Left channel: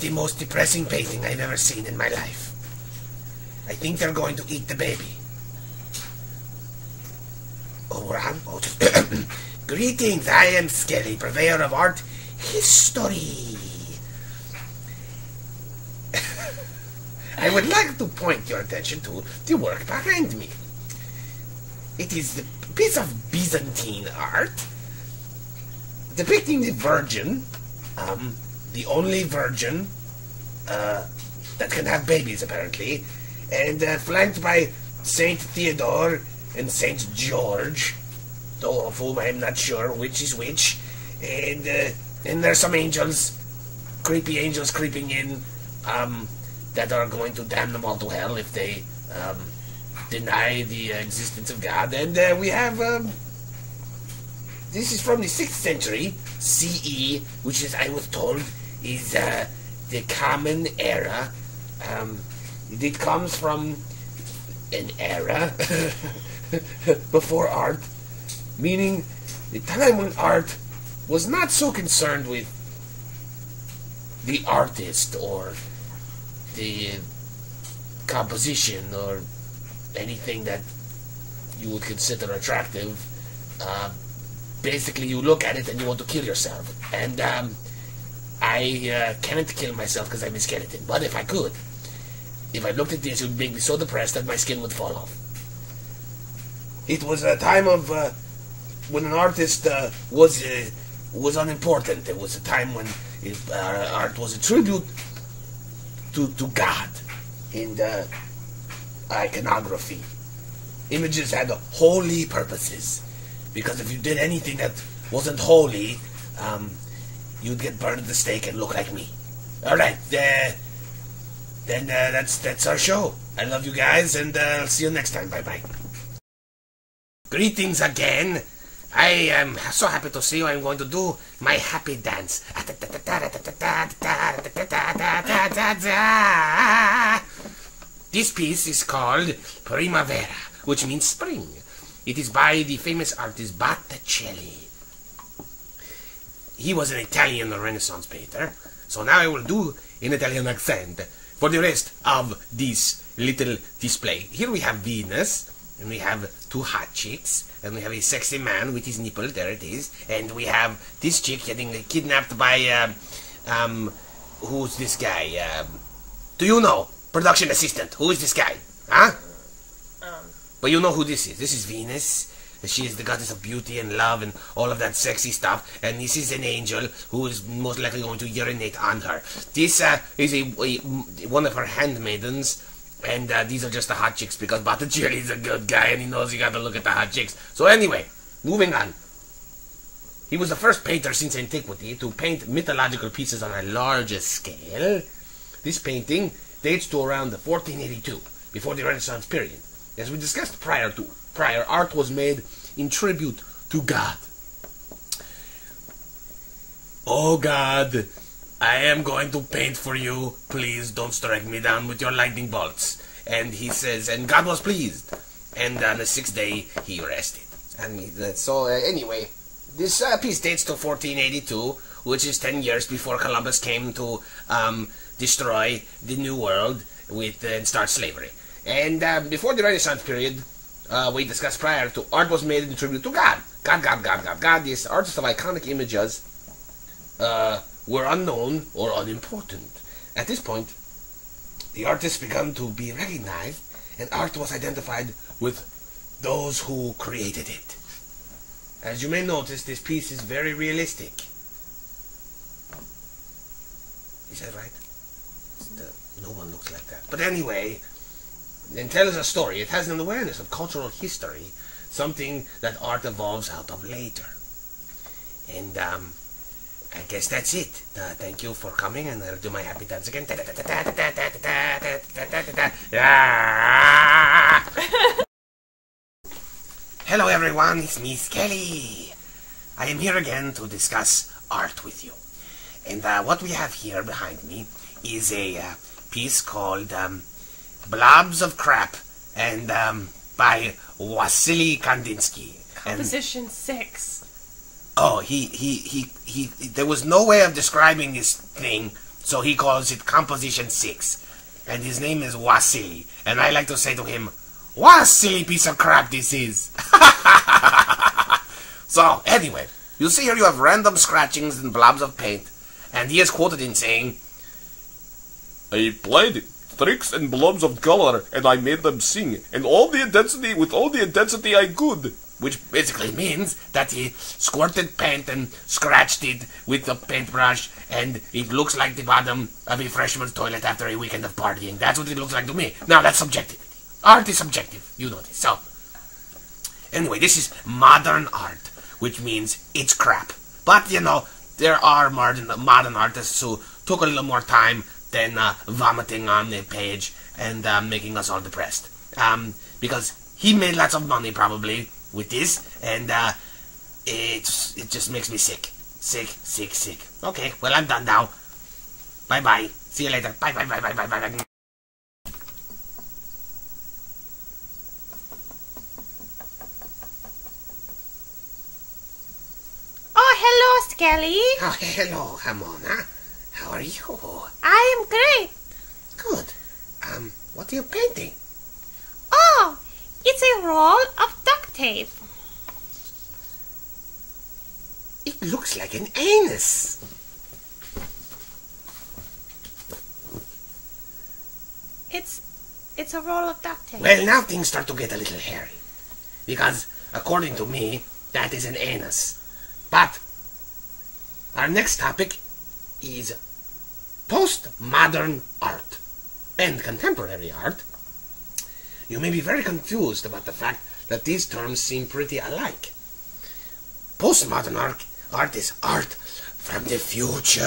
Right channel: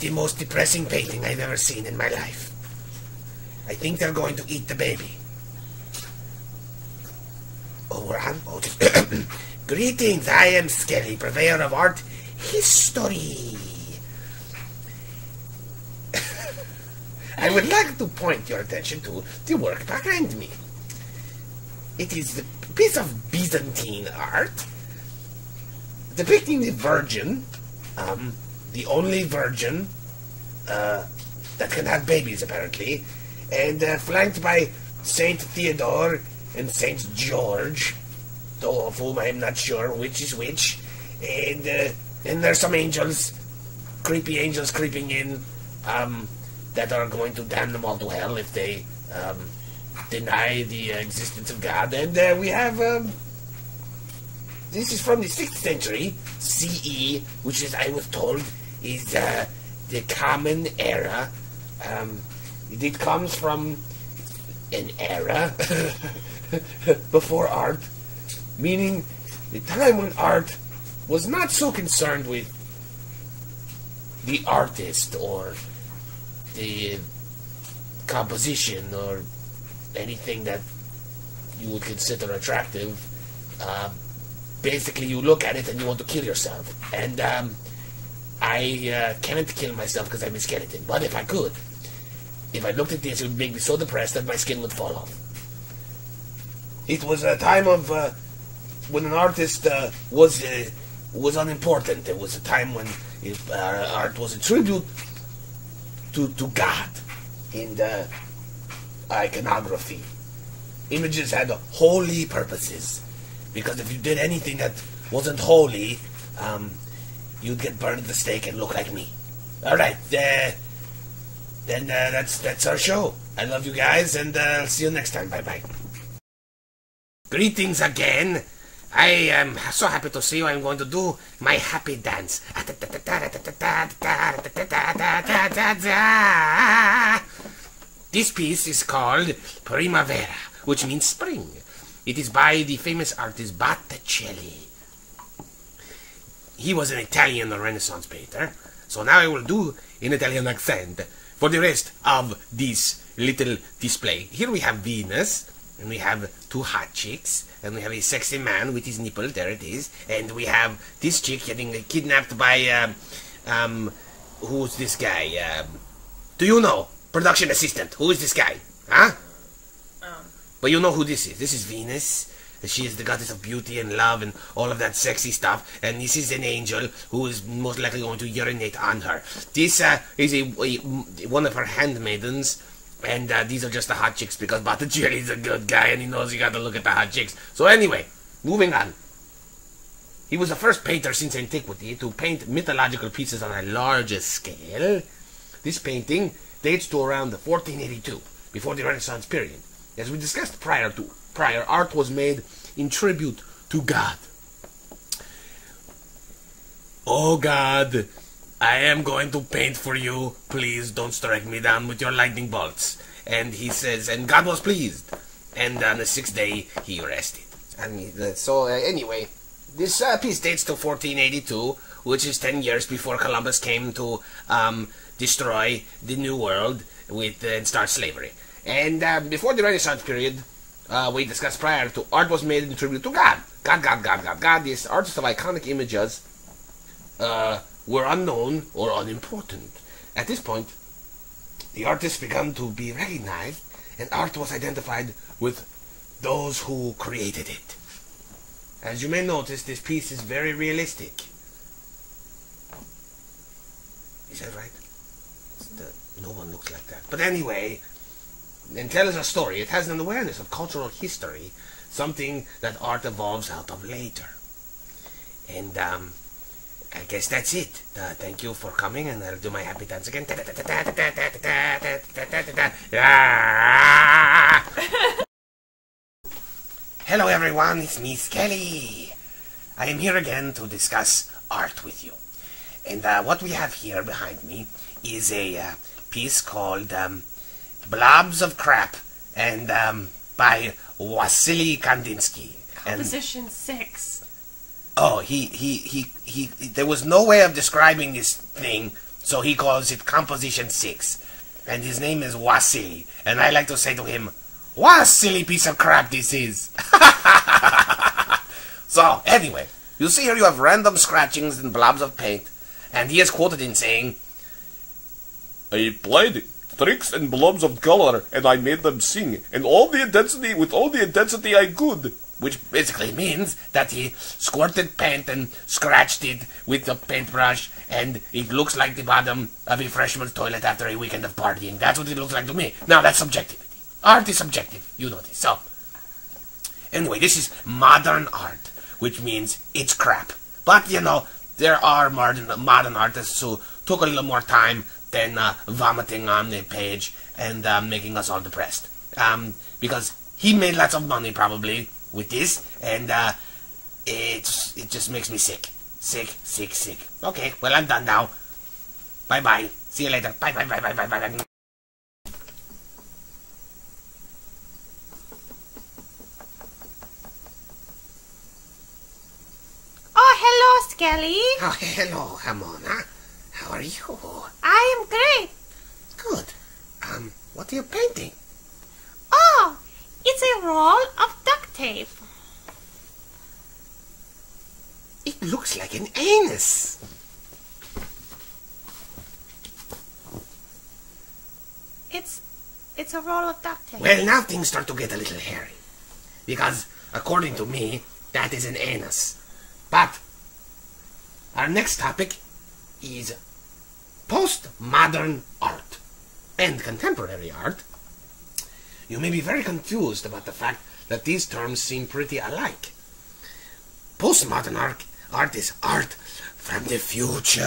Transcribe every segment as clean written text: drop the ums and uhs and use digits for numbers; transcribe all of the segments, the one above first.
the most depressing painting I've ever seen in my life. I think they're going to eat the baby. Oh, we're on? Oh, greetings, I am Skelly, purveyor of art history. I would like to point your attention to the work behind me. It is a piece of Byzantine art depicting the Virgin, the only virgin that can have babies, apparently, and flanked by Saint Theodore and Saint George, though of whom I am not sure which is which, and there's some angels, creepy angels creeping in, that are going to damn them all to hell if they deny the existence of God. And we have this is from the 6th century CE, which is, I was told, is the Common Era. It comes from an era before art, meaning the time when art was not so concerned with the artist or the composition or anything that you would consider attractive. Basically, you look at it and you want to kill yourself. And I can't kill myself because I'm a skeleton. But if I could, if I looked at this, it would make me so depressed that my skin would fall off. It was a time of when an artist was unimportant. It was a time when art was a tribute to God in the iconography. Images had holy purposes, because if you did anything that wasn't holy, you'd get burned at the stake and look like me. Alright, then that's our show. I love you guys, and I'll see you next time. Bye-bye. Greetings again. I am so happy to see you. I'm going to do my happy dance. This piece is called Primavera, which means spring. It is by the famous artist Botticelli. He was an Italian Renaissance painter, so now I will do an Italian accent for the rest of this little display. Here we have Venus, and we have 2 hot chicks, and we have a sexy man with his nipple, there it is, and we have this chick getting kidnapped by, who's this guy? Do you know? Production assistant, who is this guy? Huh? But you know who this is. This is Venus. She is the goddess of beauty and love and all of that sexy stuff. And this is an angel who is most likely going to urinate on her. This is one of her handmaidens. And these are just the hot chicks, because Botticelli is a good guy and he knows you got to look at the hot chicks. So anyway, moving on. He was the first painter since antiquity to paint mythological pieces on a larger scale. This painting dates to around 1482, before the Renaissance period. As we discussed prior, art was made in tribute to God. Oh God, I am going to paint for you. Please don't strike me down with your lightning bolts. And he says, and God was pleased. And on the 6th day, he rested. And so anyway, this piece dates to 1482, which is 10 years before Columbus came to destroy the New World and start slavery. And before the Renaissance period, we discussed prior to, art was made in tribute to God. God. These artists of iconic images were unknown or unimportant. At this point, the artists began to be recognized, and art was identified with those who created it. As you may notice, this piece is very realistic. Is that right? No one looks like that. But anyway, and tells a story. It has an awareness of cultural history, something that art evolves out of later. And I guess that's it. Thank you for coming, and I'll do my happy dance again. Hello everyone, it's me, Skelly. I am here again to discuss art with you. And what we have here behind me is a piece called Blobs of Crap, and by Wassily Kandinsky. Composition 6. Oh, he there was no way of describing this thing So he calls it Composition 6. And his name is Wasili. And I like to say to him, what a silly piece of crap this is. So, anyway, you see here you have random scratchings and blobs of paint. And he is quoted in saying, I played tricks and blobs of color, and I made them sing, and with all the intensity I could. Which basically means that he squirted paint and scratched it with a paintbrush, and it looks like the bottom of a freshman's toilet after a weekend of partying. That's what it looks like to me. Now, that's subjectivity. Art is subjective. You know this. So, anyway, this is modern art, which means it's crap. But, you know, there are modern artists who took a little more time than vomiting on the page and making us all depressed. Because he made lots of money, probably, with this, and it just makes me sick. Sick. Okay, well, I'm done now. Bye-bye. See you later. Bye. Oh, hello, Skelly. Oh, hello, Hamona. How are you? I am great. Good. What are you painting? Oh, it's a roll of duct tape. It looks like an anus. It's a roll of duct tape. Well, now things start to get a little hairy. Because, according to me, that is an anus. But, our next topic is postmodern art and contemporary art. You may be very confused about the fact that these terms seem pretty alike. Postmodern art is art from the future.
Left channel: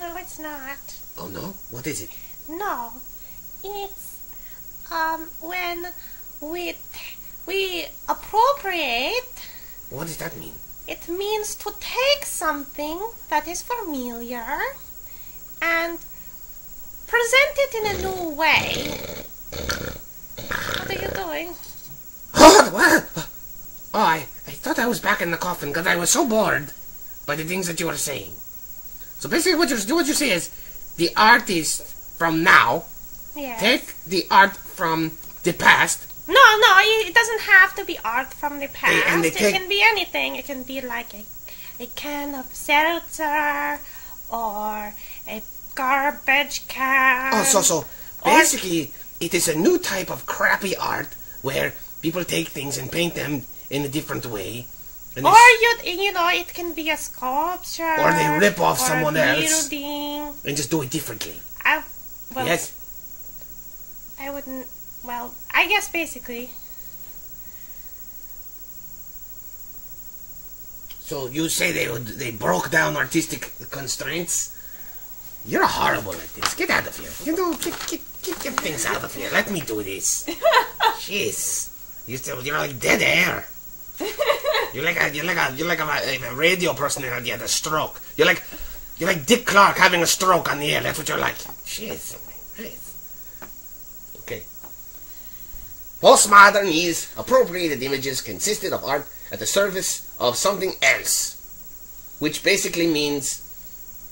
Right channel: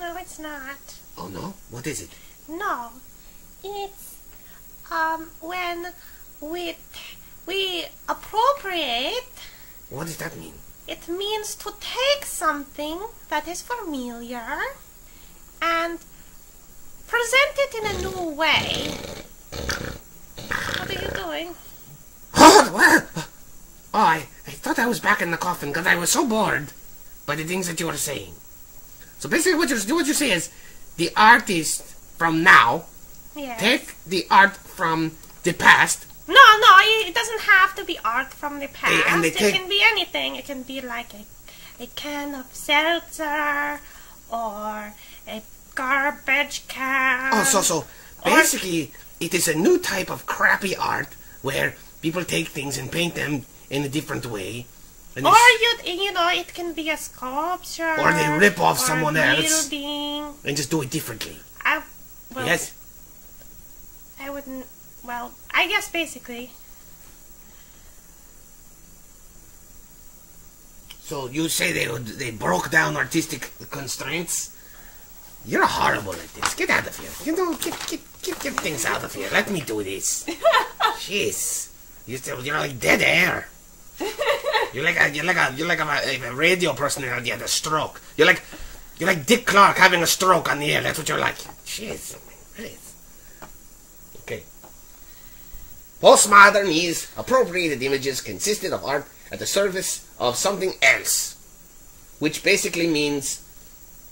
No, it's not. Oh no? What is it? No, it's when we appropriate. What does that mean? It means to take something that is familiar and present it in a new way. What are you doing? Oh, what? Oh, I thought I was back in the coffin because I was so bored by the things that you were saying. So basically what you say is the artist from now take the art from the past. No, it doesn't have to be art from the past. It can be anything. It can be like a can of seltzer or a garbage can. Oh, so basically it is a new type of crappy art where people take things and paint them in a different way. Or you know, it can be a sculpture. Or they rip off someone else building. and just do it differently. Yes. I wouldn't. Well, I guess basically. So you say they broke down artistic constraints? You're horrible at this. Get out of here. You know, get things out of here. Let me do this. Jeez, you're like dead air. You're like a radio personality had a stroke. You're like Dick Clark having a stroke on the air. That's what you're like. Jeez, please. Okay. Postmodern is appropriated images consisted of art at the service of something else, which basically means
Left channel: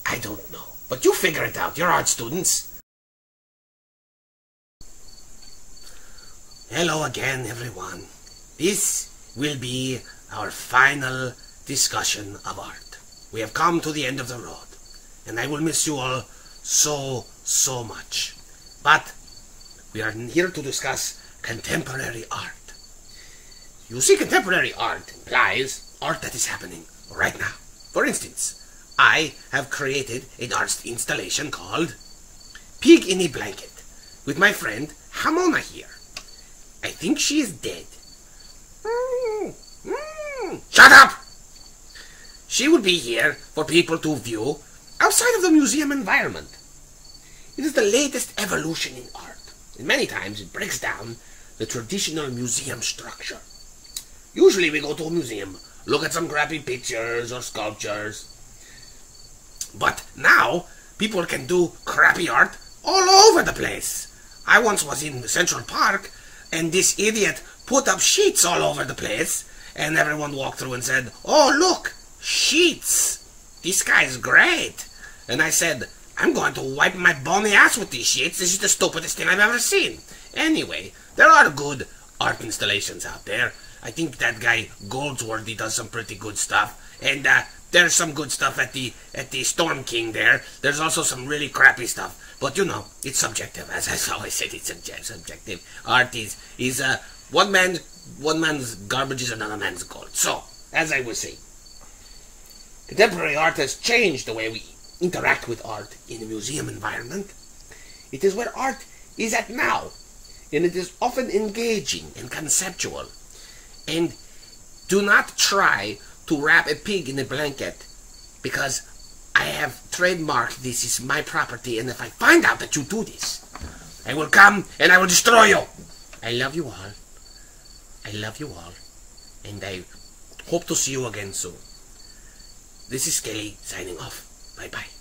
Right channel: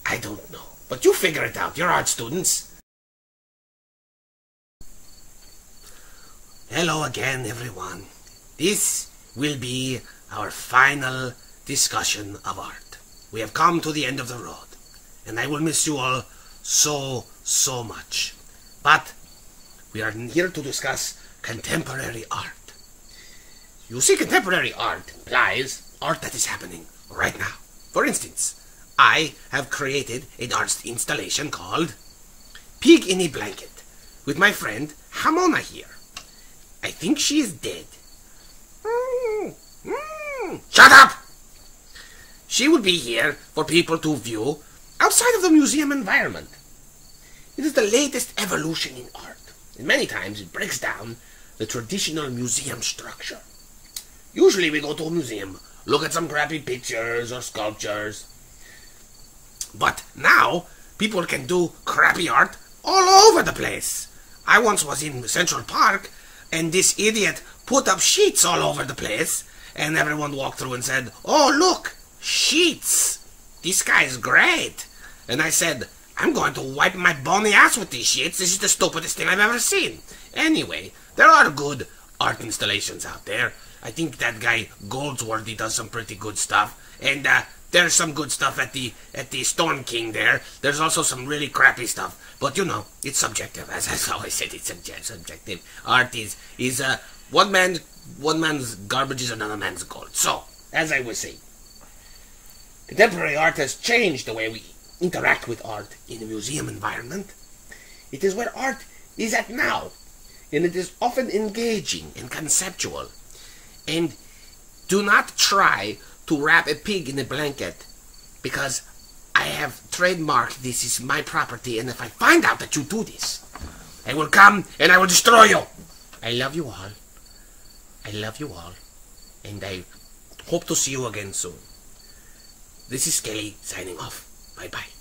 I don't know. But you figure it out. You're art students. Hello again, everyone. This will be our final discussion of art. We have come to the end of the road, and I will miss you all so much. But we are here to discuss contemporary art. You see, contemporary art implies art that is happening right now. For instance, I have created an art installation called Pig in a Blanket with my friend Hamona here. I think she is dead. Shut up! She would be here for people to view outside of the museum environment. It is the latest evolution in art, and many times it breaks down the traditional museum structure. Usually we go to a museum, look at some crappy pictures or sculptures. But now, people can do crappy art all over the place. I once was in Central Park, and this idiot put up sheets all over the place, and everyone walked through and said, "Oh, look, sheets! This guy's great. and I said, I'm going to wipe my bony ass with these shits. This is the stupidest thing I've ever seen. Anyway, there are good art installations out there. I think that guy Goldsworthy does some pretty good stuff, and there's some good stuff at the Storm King there. There's also some really crappy stuff, but you know, it's subjective. As I always said, it's subjective. Art is one man's garbage is another man's gold. So, as I was saying, contemporary art has changed the way we interact with art in a museum environment. It is where art is at now, and it is often engaging and conceptual. And do not try to wrap a pig in a blanket, because I have trademarked this is my property, and if I find out that you do this, I will come and I will destroy you. I love you all. I love you all, and I hope to see you again soon. This is Skelly signing off. Bye-bye.